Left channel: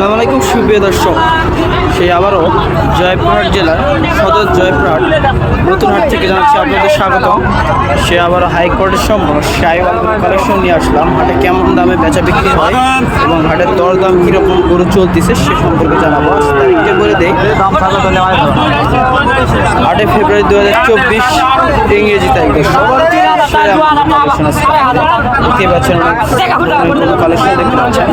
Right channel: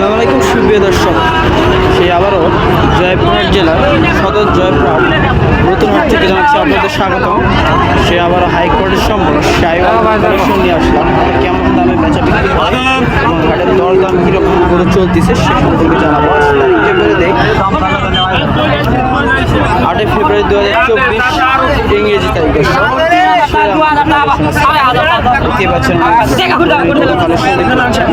আসসালামু আলাইকুম সুপ্রিয় দর্শক। সেই আবারও জয়পুরহাট জেলার সদর জয়পুরহাট নতুনহাট থেকে জানাচ্ছি আপনাদের স্বাগত সে আবারও হাইকোর্টের সম্পূর্ণ সাইওয়াল কালেকশন নিয়ে আসলাম। হাটে কেমন দামে বেচা বিক্রি হয় এবং হাটের দরদাম কীরকম করে চলতেছে সে সম্পর্কে জানাব। আজকে বলে দেই আটই ফেব্রুয়ারি দু হাজার চব্বিশ ইংরেজি তারিখ দর্শক। দেখতে পাচ্ছেন অনেক কালেকশন দেখতে পাচ্ছেন।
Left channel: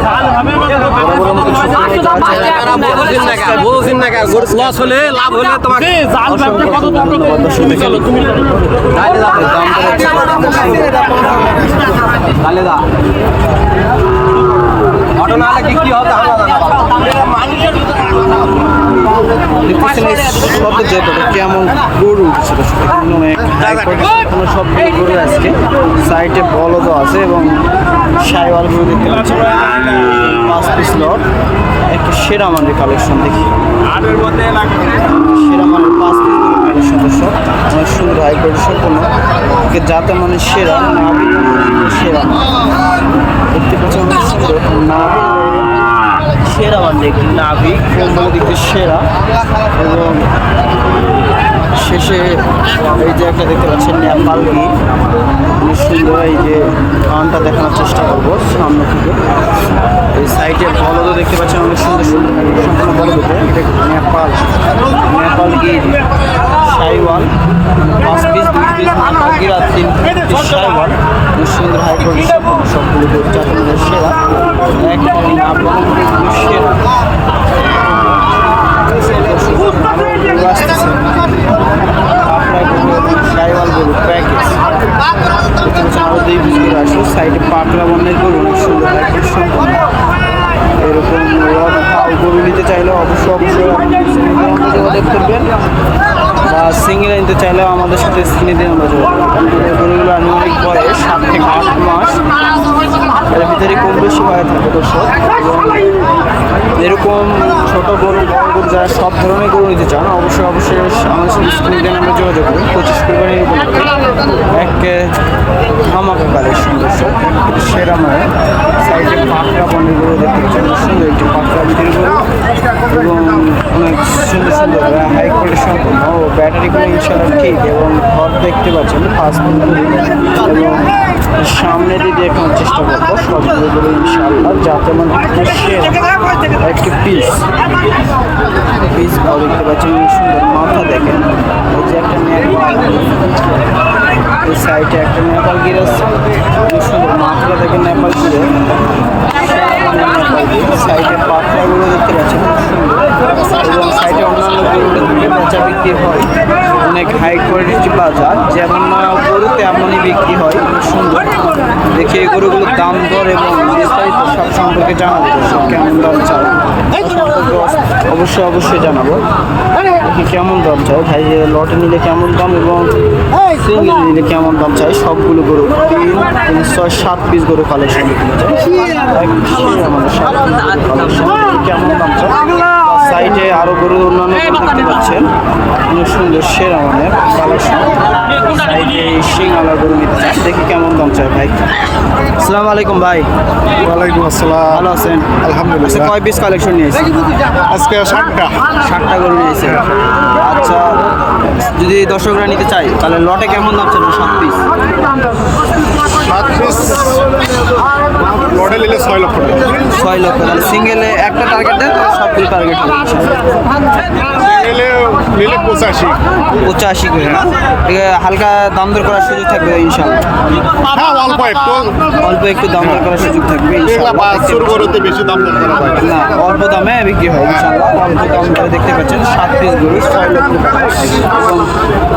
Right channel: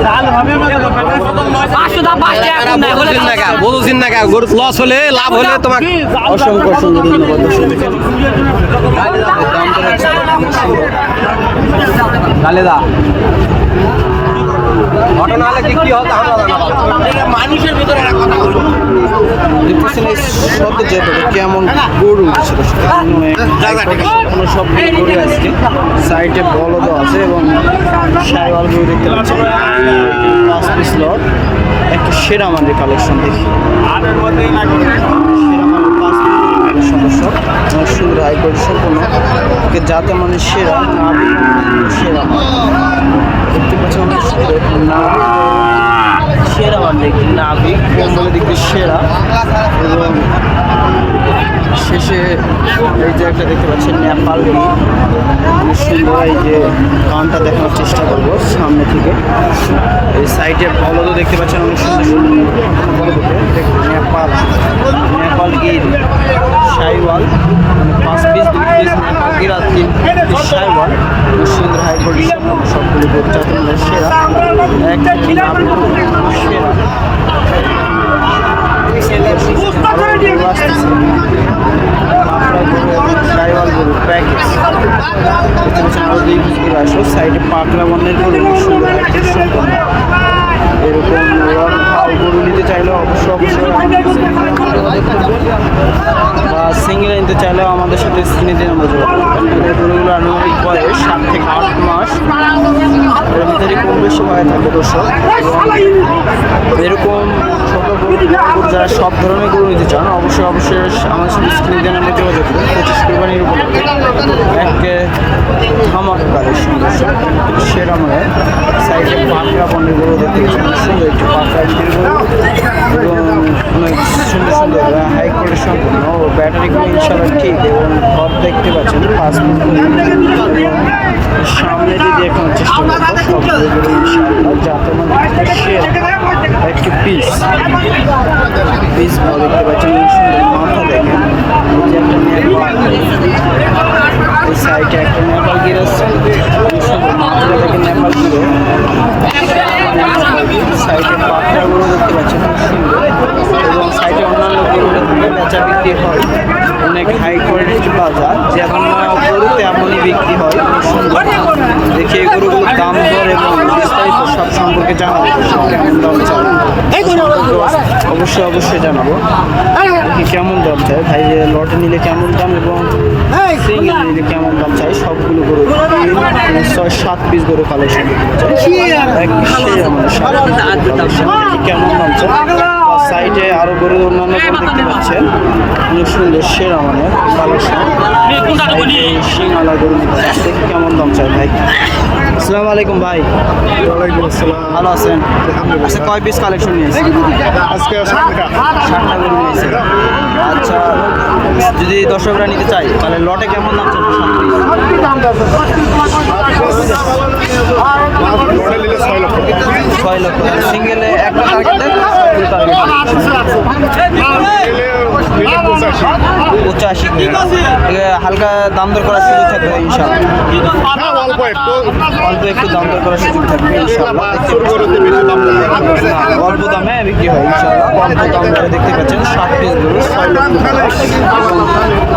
বুঝছেন না লস হলে লাভ হলে তোমার অসংখ্য অসংখ্য ধন্যবাদ দাম তো হচ্ছে অনেক সুন্দর খালেদা অটো না হলে কি কি হতো আমরা জানা দেখতেছেন এই শব্দ কেমন গরু উঠছে দর্শক কোনো সবগুলো গরু আজকে। সাইডে বলদও আছে এবং সাইওয়াল গরু দেখতে পাচ্ছেন পাঁচ পিস লট একটা সেরা মানের কালেকশন দেখি। সেরা মানের পাঁচ পিস কালেকশন দর্শক অনেক সুন্দর হাই কোয়ালিটি সম্পূর্ণ যাতে মানে সেরা নাবি সেরা মান দেখতে পাচ্ছেন অনেক সুন্দর নাবি সেরা মান দেখি নাবি কম্বলের দিক সেরা। এবং শেষে এই যে একটা দেখতে পাচ্ছেন, নেপাল বি। অনেক সুন্দর এই যে কানটা দেখানোর চেষ্টা করব সামনে থেকে। এই সাইডে বলদও দেখতে পাচ্ছেন, অনেক সুন্দর সুন্দর। নেপাল নেপাল গির, সাইওয়াল। পাঁচ পিস দুই পিস নেপাল তিন পিস সাইওয়াল অনেক সুন্দর হাই কোয়ালিটি সম্পূর্ণ সবগুলো গরু যাতে মানে সেরা। এক সেরা। আরও গরু আসতেছে। আপনার গরু এবং সাইওয়াল গরু প্যাকেজ আরও দুই পিস গরু আসলো সাইডে পাকড়া বর্ণের গরু অনেক সুন্দর হাইটের সম্পন্ন। এরকম গরু নিতে চাইলে অবশ্যই অবশ্যই যোগাযোগ করবেন বা সিঙ্গেল নিতে চাইলেও আমাদের সাথে স্ক্রিনে দিয়ে আমরা যোগাযোগ আমাদের গরুগুলো আনুমানিক বয়স সাত থেকে আট মাস। এর ভিতরে কম বেশি হয়ে থাকে দর্শক। এবং এরকম ছোট গরু, বড় গরু যারা সব ধরনের গরু নিতে চান, অবশ্যই অবশ্যই আমাদের সাথে স্ক্রিনে দিয়ে আমরা যোগাযোগ করুন পঁচিশ কোরবানির উপলক্ষে এক ধামাকা কালেকশন দর্শক। সেরা মানে সাইডে পাকড়া বনের গরু দেখতে পাচ্ছেন। সুন্দর একটি পাকড়া বিক্রির গরু এবং অনেক সুন্দর সুন্দর হাই কোয়ালিটি সম্পন্ন ও ব্যাটারিগুলো ইনশাল্লাহ ঠিক এবং ঘর দেখতে পাচ্ছেন, পাঁচ মিনিট এবং সামনে দিয়ে দেখানোর চেষ্টা করব, সবগুলো গরু ইনশাল্লাহ যাতে মানে সেরা একটি পিস পিস ভালো দেখতে পাচ্ছেন সুন্দর মাথা দেখেন, এই যে একটা নেপাল। এই সাইডে একটা নেপাল গির আসছে খুব সুন্দর মাথাটা দেখেন নেপাল গিরে নেপাল গির সাইডে পাখড়াগুলো দেখতে পাচ্ছেন, খুব সুন্দর। এবং সাইডে অন্যান্য গরুগুলো থেকে বেচা বিক্রি হয়। অনেক হাই কোয়ালিটির বাজার যেমন গরু তেমনই বিক্রি হয়, খুব সুন্দর। দেখি এই গরুগুলোর দাম, দর এবং বিস্তারিত সব সম্পর্কে জানাব। কেমন দাম চাল সম্পর্কে অবশ্যই অবশ্যই জানাব। দেখি কেমন দাম চাই? ভাই লটে নিলে কেমন দাম এবং সিঙ্গেল নিলে কেমন দাম চাই? সবগুলো গরু। তিন ছয় সাত পিস গরু কালেকশন আমাদের সাত পিস গরু কালেকশন কেমন দাম চাই? সাইডে আরও গরু অন্যান্য গরু দেখতে পাচ্ছেন। অনেক সুন্দর সেরা মানে কালেকশন। সাইডে গরু নিতে দেখি কেমন দাম চাই ভাই। আসসালামু আলাইকুম ভাই। ওয়ালাইকুম আসসালাম। ভালো আছেন? আলহামদুলিল্লাহ। আচ্ছা কয় পিস কালেকশন নিয়েছেন আজকে ষাটটা। ষাটটা গরু নিয়েছেন আচ্ছা যদি দর্শকরা নিতে চাই তাহলে লটে কেমন দাম চলবে সাত পিস। মডেল এলে ছয় লক্ষ ছয় লক্ষ তাহলে সিঙ্গেলে একটা টার্গেট দেন সবগুলো টার্গেট পঁচাশি। পঁচাশি হালকা দাম দর করার সুযোগ থাকবে ইনশাল্লাহ হ্যাঁ অল্প একটু। অল্প একটু দাম দর করার সুযোগ থাকবে ইনশাল্লাহ না অল্প দামে বিক্রি হয় ইনশাল্লাহ অল্প দাম ধরে দেখতে পাচ্ছেন সাত পিস গরু ছয় লক্ষ টাকা। এবং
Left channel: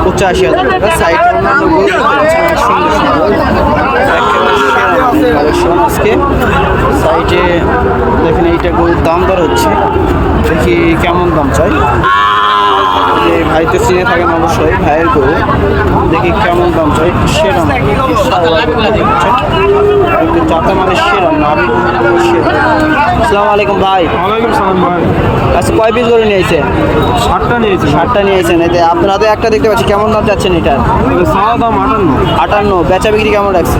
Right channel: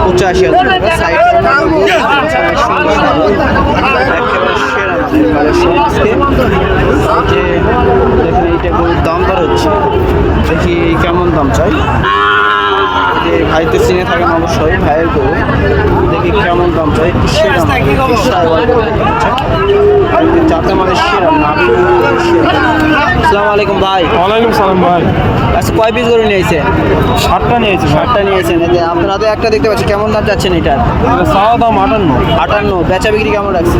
পঁচাশি হাজার টাকা। সাইড অন্যান্য গরু দেখতে পাচ্ছেন অনেক সুন্দর সুন্দর একেবারে সেরা মানের কালেকশন আজকে সাইডে দেখুন এইটা গরুর দাম দর হচ্ছে। দেখি কেমন দাম চাই। যে ভাই তো চিনে থাকেন অবশ্যই ভাইয়ের গরু দেখি কেমন দাম চাই সেরা মানে যাতে মানে সেরা নাবি গরু সেরা। আসসালামু আলাইকুম ভাই। ওয়ালাইকুম সালাম ভাই। আচ্ছা কয় পিস গরু নিয়েছে? সাতটা নিয়েছে ষাটটা নিয়েছেন এই যে আপনার হাতে একটা দেখতে পাচ্ছি কেমন দাম যাচ্ছেন এটার? সাদা দাম আটান্ন। আটান্ন বেচা বিক্রি কেমন রাখছে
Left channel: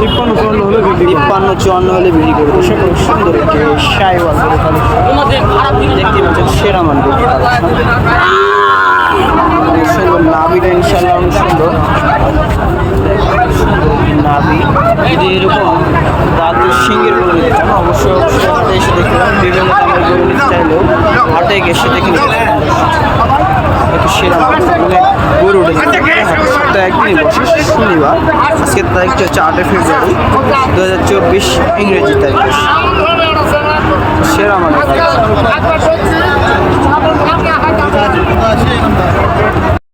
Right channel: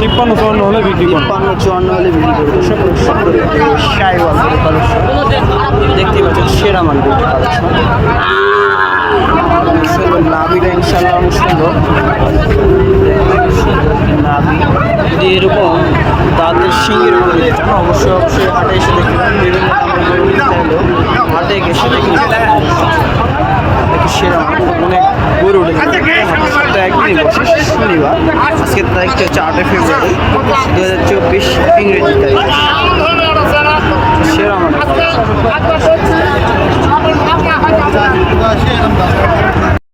তিপ্পান্ন চুয়ান্ন হলে বিক্রি করব। তিপ্পান্ন চুয়ান্ন হলে বিক্রি করবে। সুন্দর একটি সাইওয়াল দেখতে পাচ্ছেন সেরা মান কালেকশন। অনেক সুন্দর নাভিটা ইনশাল্লাহ অনেক সুন্দর। নাভি। যদি এরকম দাঁতের সিঙ্গের গরু নিতে চান, অবশ্যই অবশ্যই হাটে এসে পারেন বিভিন্ন দামের গরু নিতে চাইলেও হাটে এসে দেখে নিতে একটু সেরা মান অনেক গরু উঠে হাটের সপ্তাহে একদিনই বসে, শনিবার। আজকের তারিখটা হচ্ছে আটই ফেব্রুয়ারি। দু হাজার চব্বিশ, ইংরেজি তারিখ। সেরা মানে